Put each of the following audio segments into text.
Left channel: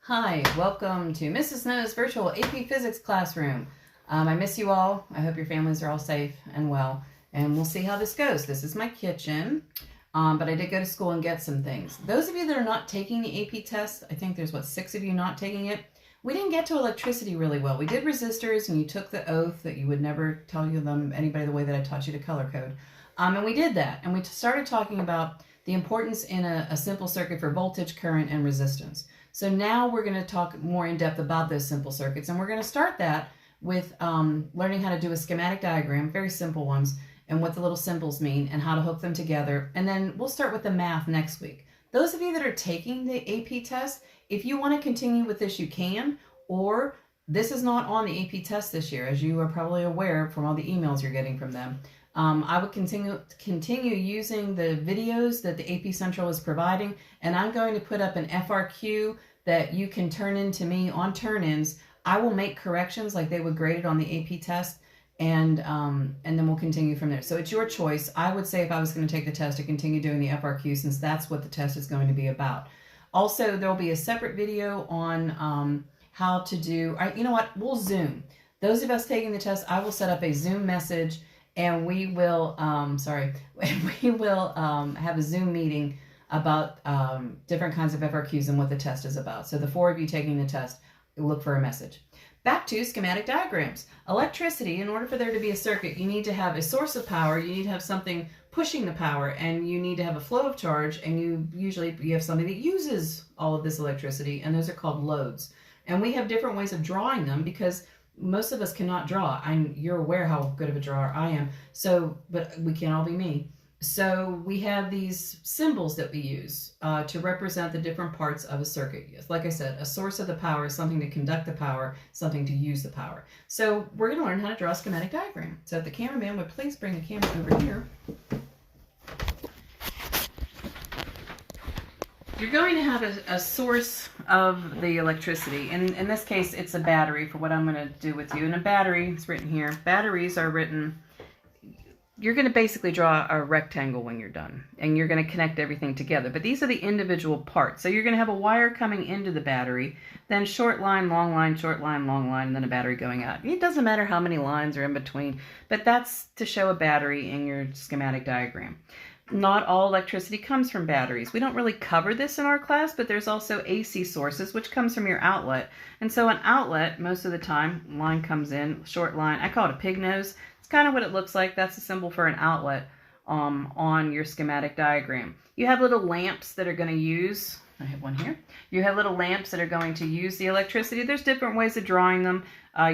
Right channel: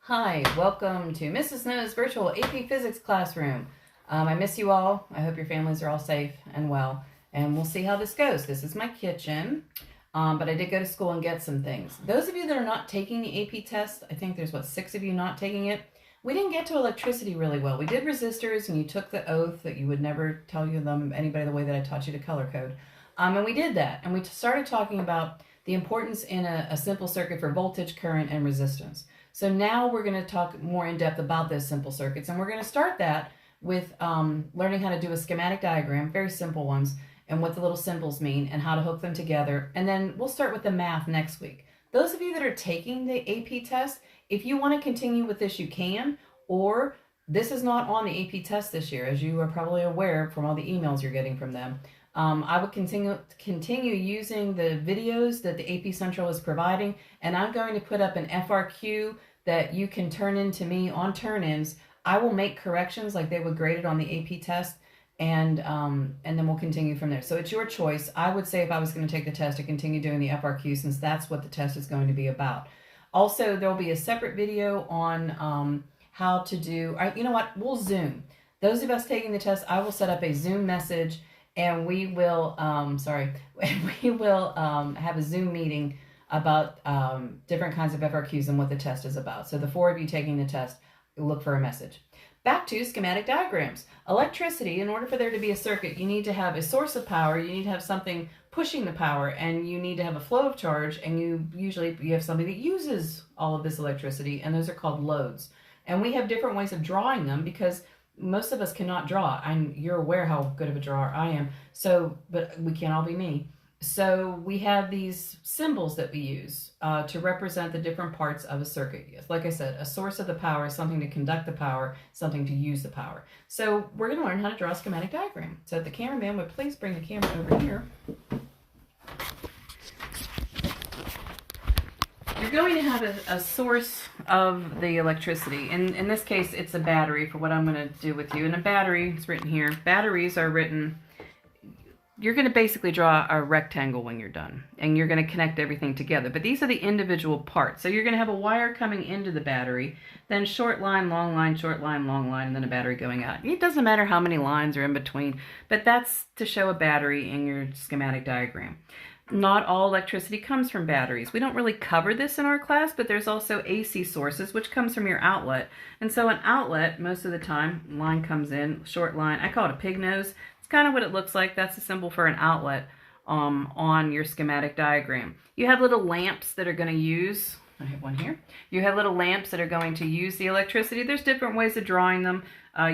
Hi, welcome to Mrs. Snow's virtual AP Physics classroom. I miss you all. I hope your families are all safe and well, and we'll see how this goes. This is my kitchen, but I did go to school and get some things. Those of you that are not taking the AP test, I think there's, 6 of you not taking it. We didn't get to electricity really well. We did resistors, and you took the oath that you would never tell anybody the way that I taught you to color code. And we did that, and we started talking about the importance in a simple circuit for voltage, current, and resistance. So now we're going to talk more in depth about those simple circuits, and we're going to start that with learning how to do a schematic diagram, very simple ones, and what the little symbols mean and how to hook them together. And then we'll start with the math next week. Those of you that are taking the AP test, if you want to continue with this, you can, or this is not on the AP test this year, as you are probably aware from all the emails you're getting from them. I would continue using the videos that the AP Central is providing, and I'm going to put up an FRQ that you can turn in to me on turn-ins. I will make corrections like they would grade it on the AP test, and then we'll continue from there. So it's your choice. I would say if I was going to take the test, to continue doing the FRQ, since that's what the test is going to be about. Also, there'll be a separate video on how to do, you know what, we'll Zoom. Those of us taking the test, I will set up a Zoom message, and we will, have a Zoom meeting about different kinds of FRQs and what the test is about. So the 4 of you taking the test, look for a message. Back to schematic diagrams. Electricity, in order for there to be a circuit, you need to have a source of power, you need to have something pushing the power, and you need to have a flow of charge, and you have something that uses all of this electricity, and those are called loads. And we have different ways of drawing them because most of us cannot draw. You're aware how good of a drawer I am, but we can't all be me. So we have these symbols that we use to represent the different parts of a circuit. Yes, like I said, a source of the power is something to conduct the power, something to use the power. So we're going to learn how to draw a schematic diagram. So if the cameraman would please bring the camera over here. You're going to have a source of the electricity. In this case, it's a battery for what I'm going to do with you. And a battery is written here. Batteries are written, you're going to basically draw a rectangle when you're done. And you're going to connect everything together. But these are the individual parts. So you're going to have a wire coming into the battery, then short line, long line, short line, long line, and then a battery going out. It doesn't matter how many lines are in between, but that's to show a battery in your schematic diagram. Not all electricity comes from batteries. We don't really cover this in our class, but there's also AC sources, which comes from your outlet. And so an outlet, most of the time, line comes in, short line. I call it a pig nose. It's kind of what it looks like. That's a symbol for an outlet on your schematic diagram. You have little lamps that are going to use, I have one here. You have little lamps that are going to use the electricity. There's different ways of drawing them.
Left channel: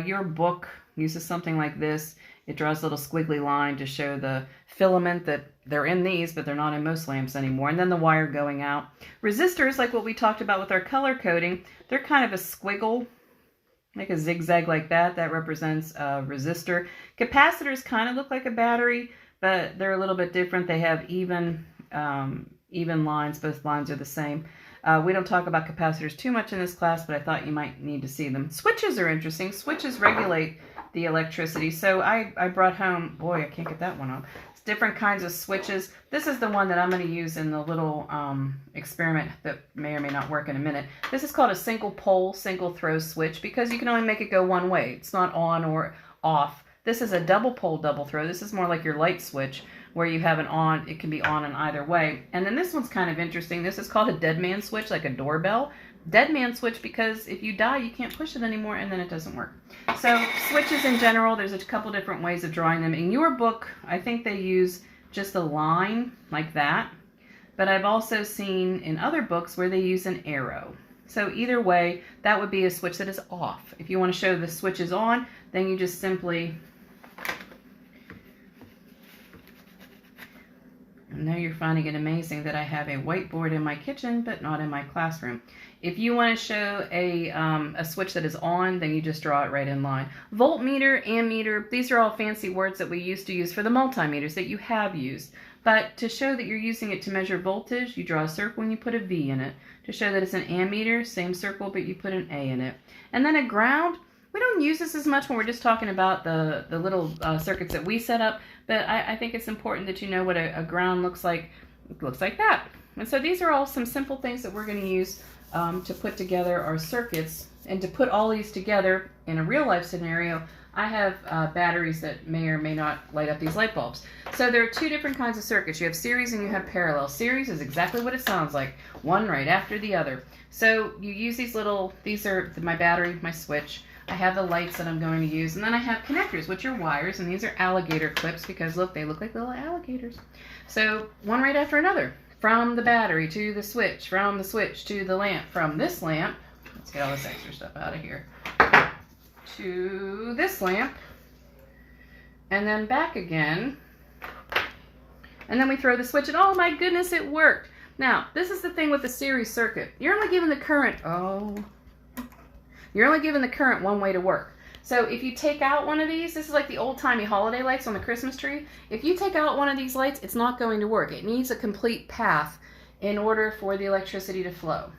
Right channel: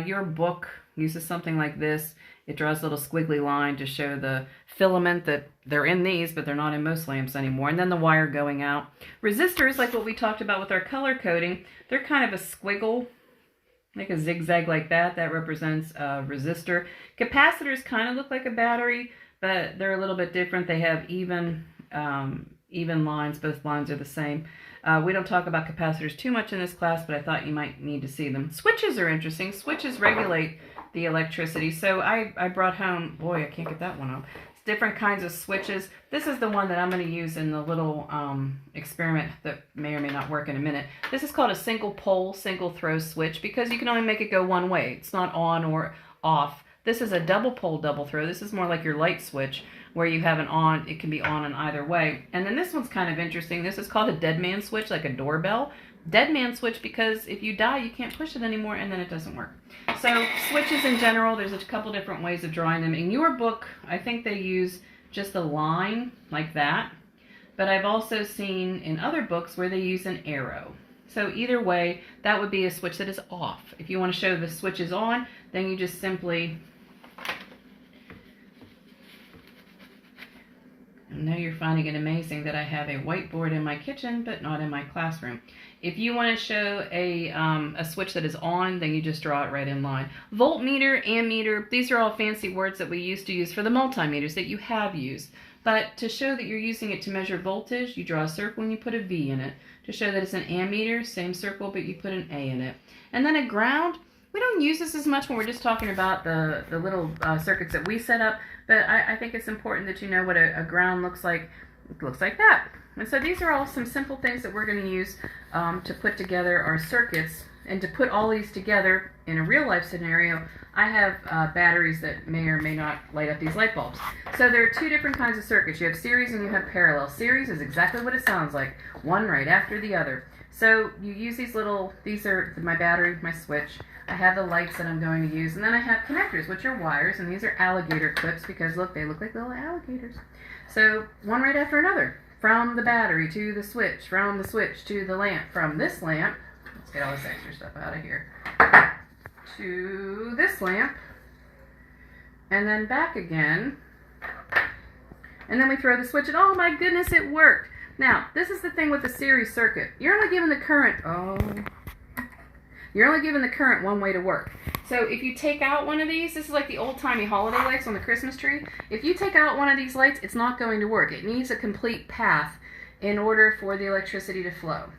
Your book uses something like this. It draws a little squiggly line to show the filament that they're in these, but they're not in most lamps anymore. And then the wire going out. Resistors, like what we talked about with our color coding, they're kind of a squiggle, like a zigzag like that. That represents a resistor. Capacitors kind of look like a battery, but they're a little bit different. They have even lines. Both lines are the same. We don't talk about capacitors too much in this class, but I thought you might need to see them. Switches are interesting. Switches regulate the electricity. So I brought home, boy, I can't get that one up. Different kinds of switches. This is the one that I'm going to use in the little experiment that may or may not work in a minute. This is called a single pole, single throw switch because you can only make it go one way. It's not on or off. This is a double pole, double throw. This is more like your light switch where you have an on, it can be on either way. And then this one's kind of interesting. This is called a dead man switch, like a doorbell. Dead man switch because if you die, you can't push it anymore and then it doesn't work. So switches in general, there's a couple different ways of drawing them. In your book, I think they use just a line like that. But I've also seen in other books where they use an arrow. So either way, that would be a switch that is off. If you want to show the switch is on, then you just simply... I know you're finding it amazing that I have a whiteboard in my kitchen, but not in my classroom. If you want to show a switch that is on, then you just draw it right in line. Voltmeter, ammeter, these are all fancy words that we used to use for the multimeters that you have used. But to show that you're using it to measure voltage, you draw a circle and you put a V in it. To show that it's an ammeter, same circle, but you put an A in it. And then a ground, we don't use this as much when we're just talking about the little circuits that we set up, but I think it's important that you know what a ground looks like. It looks like that. And so these are all some simple things that we're going to use to put together our circuits. And to put all these together in a real life scenario, I have batteries that may or may not light up these light bulbs. So there are two different kinds of circuits. You have series and you have parallel. Series is exactly what it sounds like, one right after the other. So you use these are my battery, my switch. I have the lights that I'm going to use, and then I have connectors, which are wires, and these are alligator clips because look, they look like little alligators. So one right after another, from the battery to the switch, from the switch to the lamp, from this lamp, let's get all this extra stuff out of here, to this lamp, and then back again, and then we throw the switch, and oh my goodness, it worked. Now, this is the thing with the series circuit. You're only given the current, you're only given the current one way to work. So if you take out one of these, this is like the old-timey holiday lights on the Christmas tree. If you take out one of these lights, it's not going to work. It needs a complete path in order for the electricity to flow.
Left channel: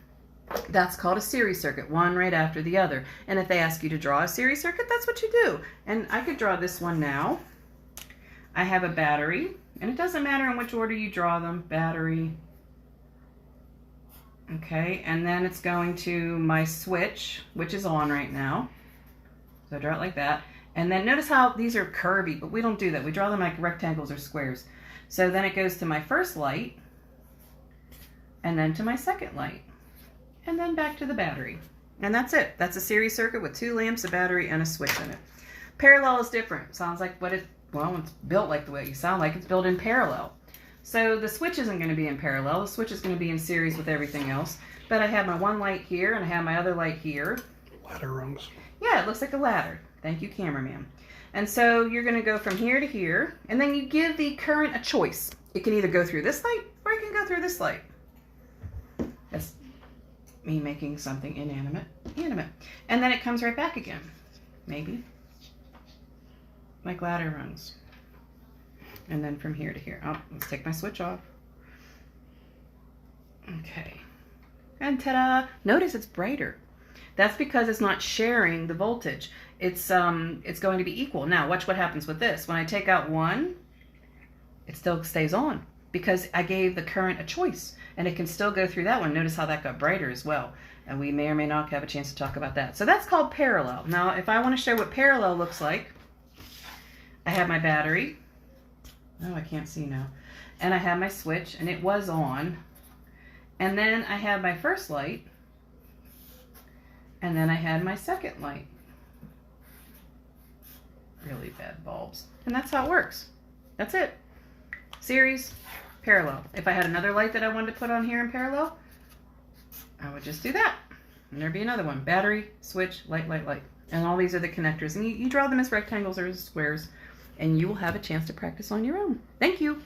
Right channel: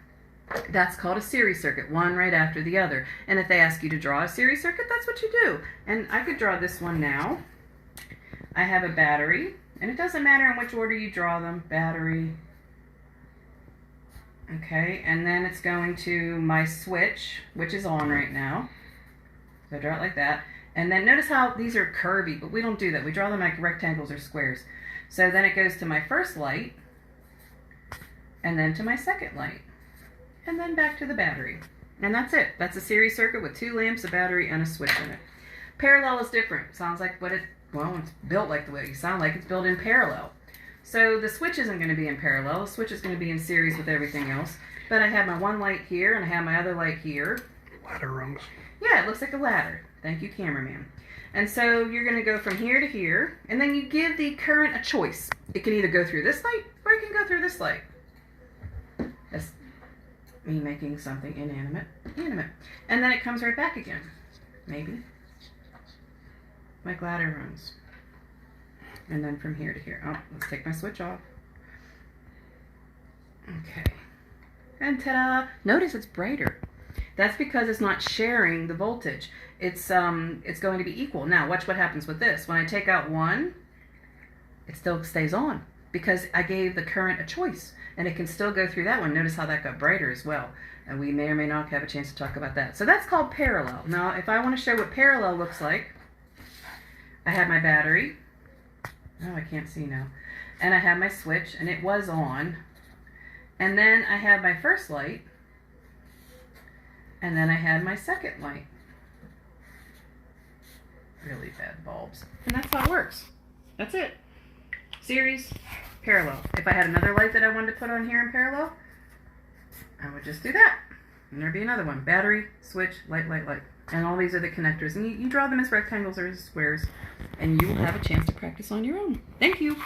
That's called a series circuit, one right after the other. And if they ask you to draw a series circuit, that's what you do. And I could draw this one now. I have a battery, and it doesn't matter in which order you draw them. Battery. Okay, and then it's going to my switch, which is on right now. So I draw it like that. And then notice how these are curvy, but we don't do that. We draw them like rectangles or squares. So then it goes to my first light, and then to my second light, and then back to the battery. And that's it. That's a series circuit with two lamps, a battery, and a switch in it. Parallel is different. Sounds like well, it's built like the way you sound like it's built in parallel. So the switch isn't going to be in parallel. The switch is going to be in series with everything else. But I have my one light here, and I have my other light here. Ladder rungs. Yeah, it looks like a ladder. Thank you, cameraman. And so you're going to go from here to here, and then you give the current a choice. It can either go through this light, or it can go through this light. That's me making something inanimate, animate. And then it comes right back again. Maybe. Like ladder rungs. And then from here to here. Oh, let's take my switch off. Okay. And ta-da! Notice it's brighter. That's because it's not sharing the voltage. It's going to be equal. Now, watch what happens with this. When I take out one, it still stays on because I gave the current a choice, and it can still go through that one. Notice how that got brighter as well. And we may or may not have a chance to talk about that. So that's called parallel. Now, if I want to show what parallel looks like, I have my battery. Oh, I can't see now. And I have my switch, and it was on. And then I have my first light. And then I had my second light. Really bad bulbs. And that's how it works. That's it. Series, parallel. If I had another light that I wanted to put on here in parallel, I would just do that. And there'd be another one. Battery, switch, light, light, light. And all these are the connectors. And you draw them as rectangles or as squares. And you will have a chance to practice on your own. Thank you.